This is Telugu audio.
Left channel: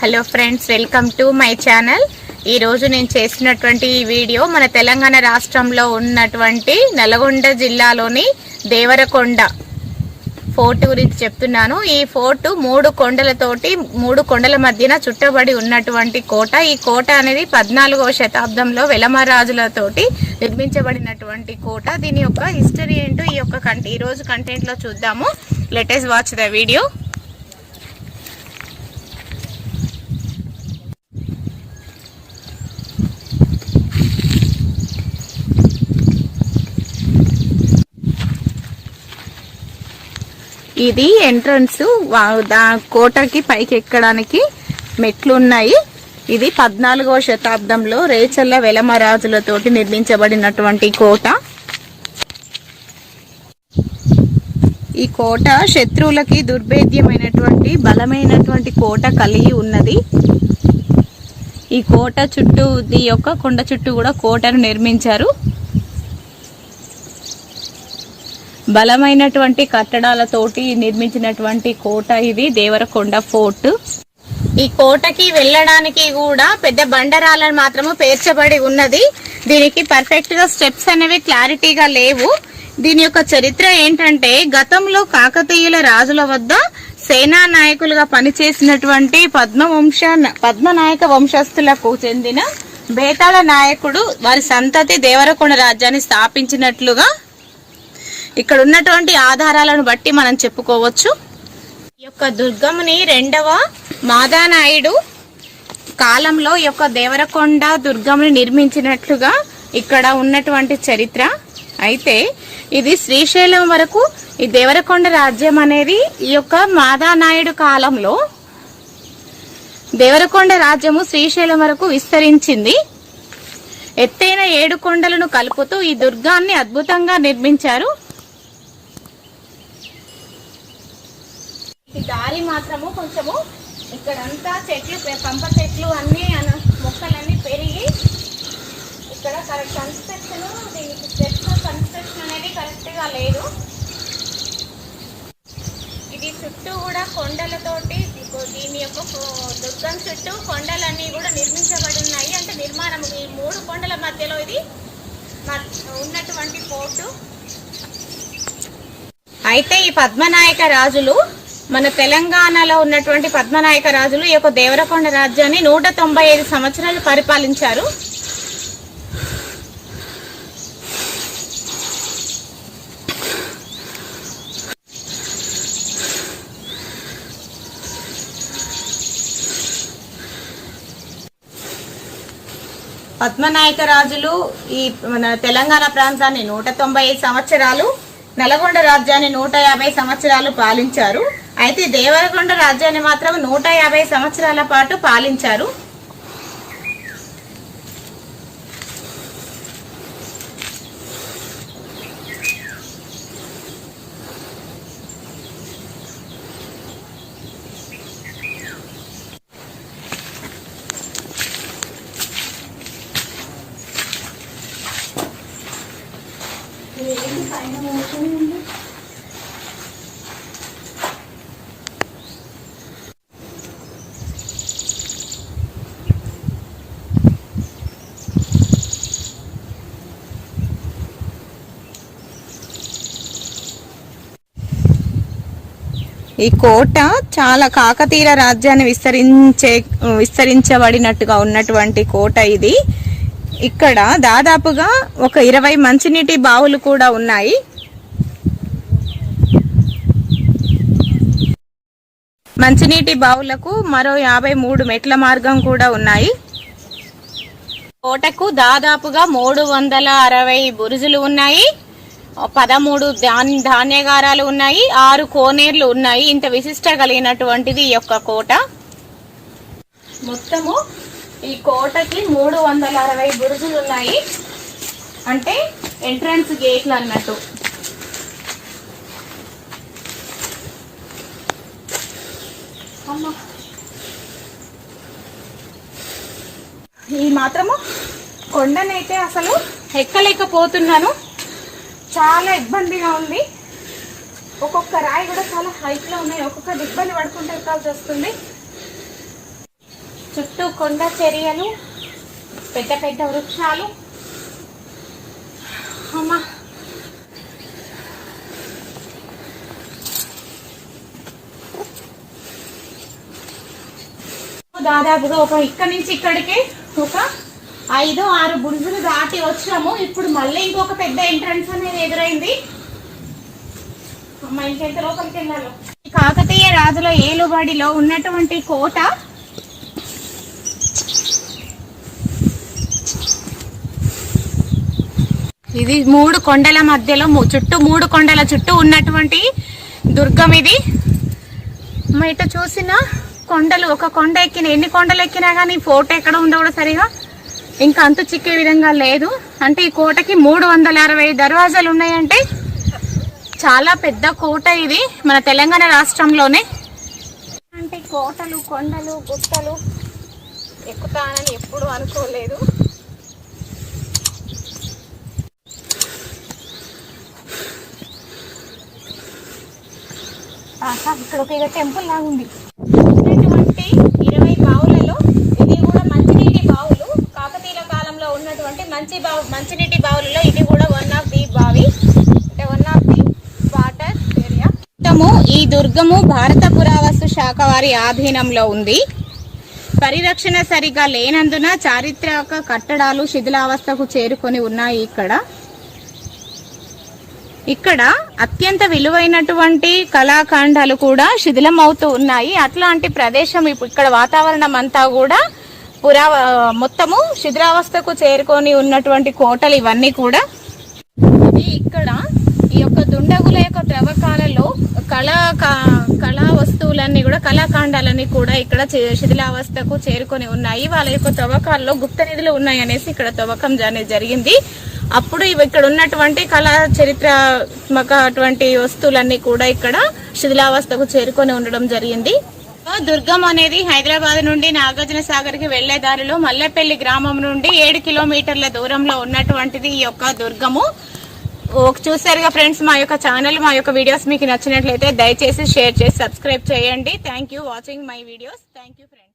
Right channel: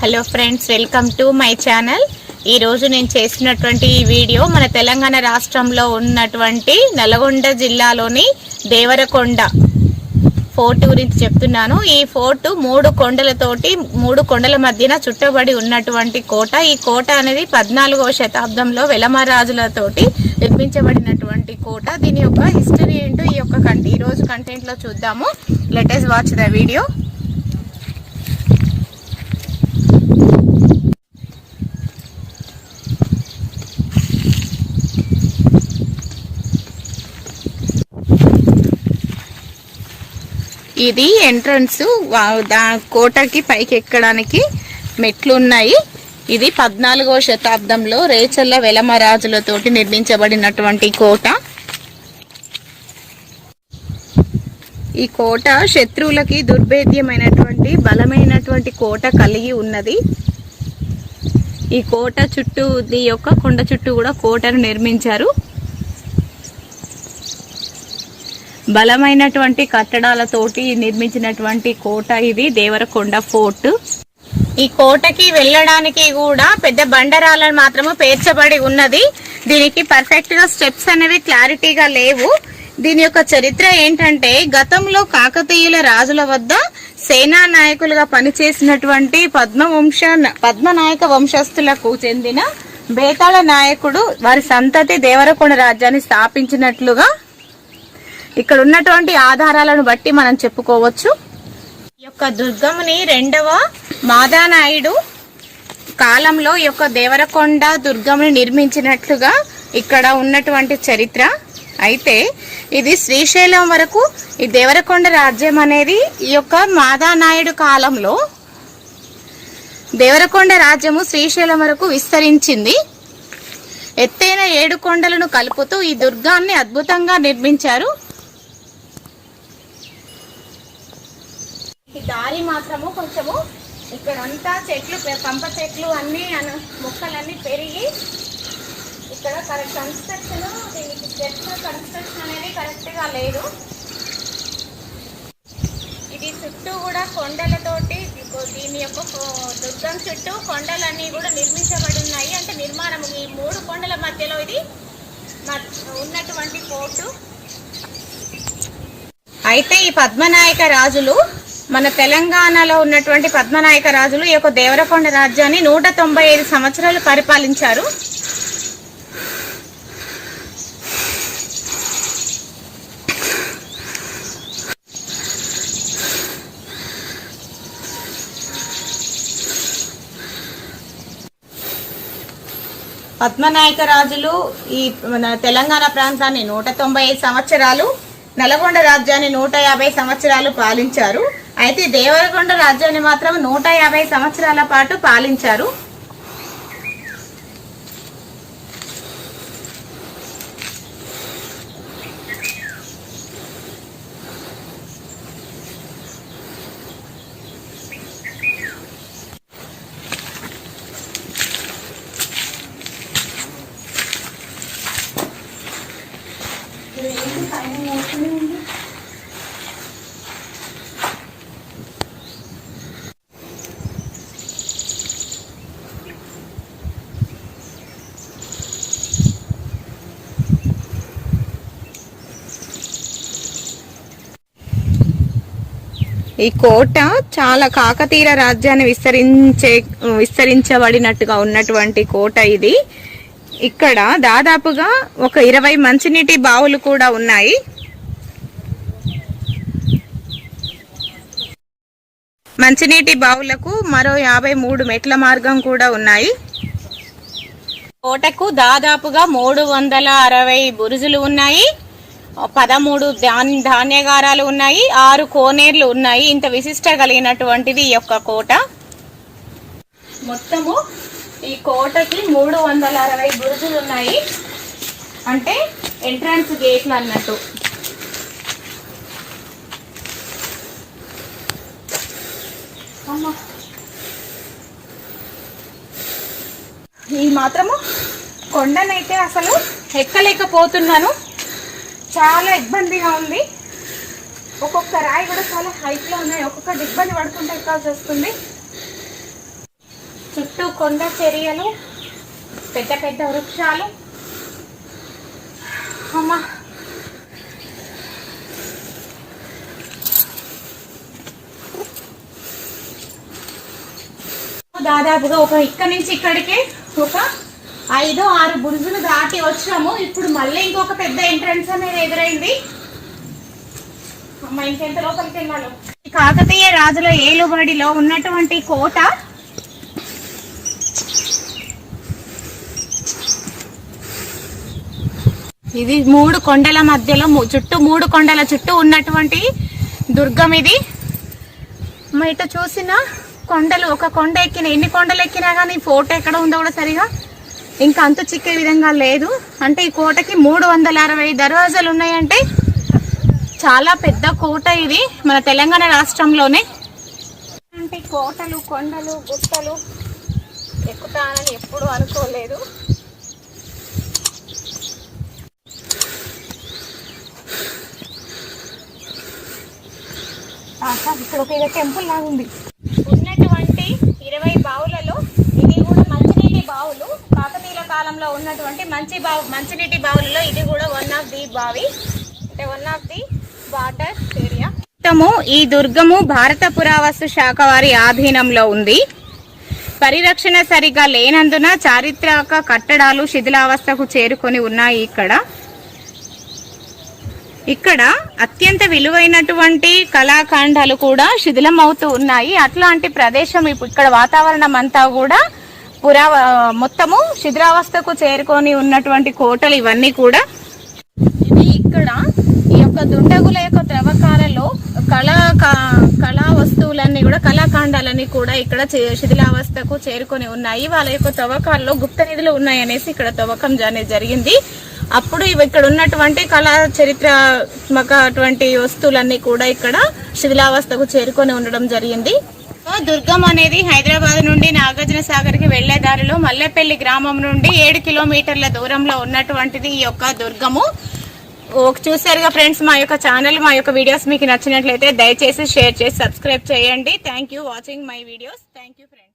Hello friends welcome to my channel ఈరోజు నేను చేసినటువంటి ఈ వీడియో మన తెలంగాణ రాష్ట్రంలో ఉన్నటువంటి నల్గొండ జిల్లాలోని దేవరకొండ ఫోర్ట్ గురించి చెప్తున్నాను. ఈ ఫోర్ట్ మూడు కొండలతోటి మూడు కొండల మధ్యన చుట్టబడి ఉన్నటువంటి కోట. ఈ కోట అనేది పద్నాలుగవ శతాబ్దంలో వెలమరాజులతోటి నిర్మించబడినటువంటి కోట. దీని యొక్క హిస్టరీ ఏంటో ఈ యొక్క కంటే ఈరోజు కంటెంట్లో చూద్దాము. లెటెస్ట్ వాచ్ ద వీడియో ఇది ఎంట్రన్స్. కోటకి పైకి ఎక్కడానికి మెట్లు ఉన్నాయి ఇది పద్నాలుగవ శతాబ్దంలో రేచల్ల వెలమరాజులతోటి నిర్మించబడినటువంటి కోట. ఈ కోట శత్రువులకి దుర్భేద్యమైనటువంటి బలమైనటువంటి కోట కలిగి ఉన్నది. ఈ కోట చుట్టూ ఈ యొక్క కొండ చుట్టూ కూడా కోటను నిర్మించారు. బలమైనటువంటి కట్టడాలతోటి నిర్మించినటువంటి కోట ఇది దేవరకొండ ఫోర్ట్. ఈ కోటకి వెళ్ళడానికి కూడా పెద్ద బండరాలను మాత్రము పేర్చబడి ఉన్నది. దీనికి పర్ఫెక్ట్గా స్టెప్స్ అనేవి క్లారిటీగా లేవు. దీని యొక్క చరిత్ర ఏంటంటే గతంలో కాకతీయుల రాజుల వద్ద సేనా నాయకులుగా పనిచేసినటువంటి పద్మవంశ పద్మనాయక వంశస్థులకు చెందిన బేతాళ నాయకుడు వారి సంతతి దేవరకొండ రాజ్యాన్ని స్థాపించినట్లుగా ఇక్కడ ఉన్నటువంటి ఆధారాలను బట్టి మనం చెప్పుకోవచ్చు. ఈ యొక్క దుర్గముని రెండవ మాదానాయుడు కాలంలో ఈ యొక్క దేవరకొండ దుర్గముని నిర్మించినట్లుగా ఇక్కడ ఉన్నటువంటి చరిత్ర. అయితే ఇది శ్రీశైలం వరకు ఈ దేవరకొండ రాజ్యం అనేది ఈ యొక్క మాదానాయుడు కాలంలో దేవరకొండ రాజ్యము శ్రీశైలం వరకు విస్తరించింది. ఎత్తైన ఏడు కొండలను కలుపుతూ ఈ దుర్గాన్ని అద్భుతంగా నిర్మించారు. ఈ దారి మాత్రము కొంచెము ఇక్కడంతా చెట్లు పంప చెట్లు అన్నీ అన- మొక్కలన్నీ పెరిగి ఇక్కడ కరెక్ట్ కన్స్ట్రక్షన్ దీనికి చెట్ల కన్స్ట్రక్షన్ అనేది కరెక్ట్గా లేదు. ఇది చుట్టూ కూడా కొండలతోటి దీని యొక్క దుర్గం చుట్టూ కొండలన్నీ కూడా నిర్మించబడి ఉన్నాయి. అంటే నిర్మాణం ఈ మూడు కొండల మధ్యలో ఇది మ- ఉన్నటువంటి పోర్టు. అయితే ఈ పద్మనాయక రాజులు మన తెలంగాణలో ఉన్నటువంటి పద్మనాయక రాజులు ఈ యొక్క దేవరకొండ రాజ్యాన్ని నూట తొంభై ఐదు సంవత్సరాలు పరిపాలించారు. పద్మనాయక రాజులు ఈ మన తెలంగాణ ప్రాంతాన్ని నూట తొంభై ఐదు సంవత్సరాలు నల్గొండ రాజ్యాన్ని నూట యాభై సంవత్సరాలు పాలించారు. అయితే దేవరకొండ రాజ్యాన్ని మాత్రం నూట యాభై సంవత్సరాల పాటు పాలించారు. ఈ కోట చాలా కాకతీయ రాజ్యాన్ని విస్తరించే విస్తరించబడినట్టుగా ఉన్నటువంటి కోట ఇది. ఇక్కడ దాదాపుగా ఒక ఇరవై మంచినీటి బావులు కూడా ఉన్నాయి. మంచినీటి బావులకు మరో యాభై మూడు మెట్ల మార్గం కూడా ఉన్నాయి. కోటకు దాదాపుగా మూడు వందల అరవై బురుజులు ఉన్నాయి. పదమూడు ధాన్ ధాన్యగారాలు ఉన్నాయి ఆరు కోనేర్లు ఉన్నాయి. ఇంత విశిష్ట కలిగినటువంటిది ఈ యొక్క కోట. మొత్తము ఈ కోటకి మూడు వందల అరవై బురుజులు ఉన్నాయి. అంటే ఎంట్రన్స్ గేట్లు అన్నట్టు. ఈ మాత్రము కొండనైతే అసలు ఎక్కలేకపోతున్నాను. చాలా ఇబ్బందిగా ఉంది. ఒక్కొక్క రాయి కూడా చాలా హైట్లో ఉన్నాయి. ఒక్కొక్కటి ఇబ్బంది పడుకుంటే ఎక్కాల్సి వస్తుంది. చుట్టూ కొండ చర్యలు పెద్ద పెద్ద వృక్షాలు. అమ్మా. దాదాపుగా ఒక ఇక్కడ నుంచి ఇక్కడికి ఒక ఐదు ఆరు బురుజులు దాటి వచ్చాము. ఇప్పుడు మళ్ళీ ఇంకొక పెద్ద ఎంట్రన్స్ అనేది ఎదురైంది. అమ్మ ఇంకెంత లోపలికి వెళ్ళాలి? కాకతీయ రాజుల ఏలుబడిలో ఉన్నటువంటి కోట ఇది మూడు కొండల మధ్యలో చుట్టూ మూడు కొండల చుట్టూ ఉన్నటువంటి దుర్గం ఇది. బయట చూసిన కొండలు ఒక కొండ ఎక్కిన ఎన్ని కొండలు ఎక్కినా కానీ ఫోటో ఎక్కడ ఉందో కూడా సరిగా ఇంకా అంతు చిక్కే విధంగా లేదు. అంటే ఈ కోటకి మూడు వందల అరవై దర్వాజాలు ఉన్నాయంటే చాలా పెద్ద కోట ఇది మన తెలంగాణ రాష్ట్రంలోనే. అంటే కోటలు కొండలు గుట్టలు ఎక్కుతానని ఎప్పుడు అనుకోలేదు. ఇక్కడ ఒక టెంపుల్ లాగా ఉంది ఉన్నటువంటి ఇరవై బావులలో ఇది కూడా మంచినీటి బావులు కాకతీయుల కాలంలో ఉన్నటువంటి మంచి బావు మంచినీటి బావులలో ఇది కూడా వన్ ఆఫ్ ది బావి. అంటే one of the water area మొత్తము ఈ దుర్గము భారత పురావస్తు శాఖ వారి ఆధీనంలో ఉంది. పరిరక్షణ సరిగా లేనందున చారిత్రక కట్టడాలు శిథిలావస్థకు చేరుకొని ఉన్నాయి ఇక్కడ. ఇక్కడ అత్యంత విలువైనటువంటి కళాఖండాలు కూడా శిథిలం అవుతూ ఉన్నాయి. అట్లాంటి ప్రదేశం ఇప్పుడు ఇక్కడ వాతావరణం అంతా కూడా పురా మొత్తము శిథిలావస్థకు చేరుకొని ఉన్నటువంటి కోటలు ఇవన్నీ కూడా. ఇక్కడ ఈ యొక్క దుండగుల యొక్క తవ్వకాలలో కళా కళా వస్తువులన్నీ కూడా కళాఖండాలన్నీ కూడా ఇక్కడ చే- శిథిలావస్థకు చేరుకొని ఉన్నాయి. వాళ్ళ యొక్క తవ్వకాల్లో గుప్త నిధులు ఉన్నాయి అనేసి ఇక్కడ తవ్వకం అనేది జరిగింది. అప్పుడు ఇవి ఇక్కడ ఉన్నటువంటి కళా చరిత్రాత్మక అటువంటి వస్తువులన్నీ కూడా ఇక్కడ శిథిలావస్థకు చేరుకొని ఉండడం జరిగింది. దుర్గం అనేది హైదరాబాద్ నుండి నాగార్జున సాగర్కి వెళ్ళే దారిలో మల్లెపల్లి గ్రామం నుండి ఏడు కిలోమీటర్ల దూరంలో ఉన్నటువంటిది ఈ యొక్క దుర్గము. చూసారుగా ఫ్రెండ్స్ మా యొక్క ఛానల్ మా యొక్క వీడియోస్ మీకు నచ్చినట్లయితే దయచేసి షేర్ చేసి సబ్స్క్రైబ్ చేయండి. Thank you watching my videos thank you friends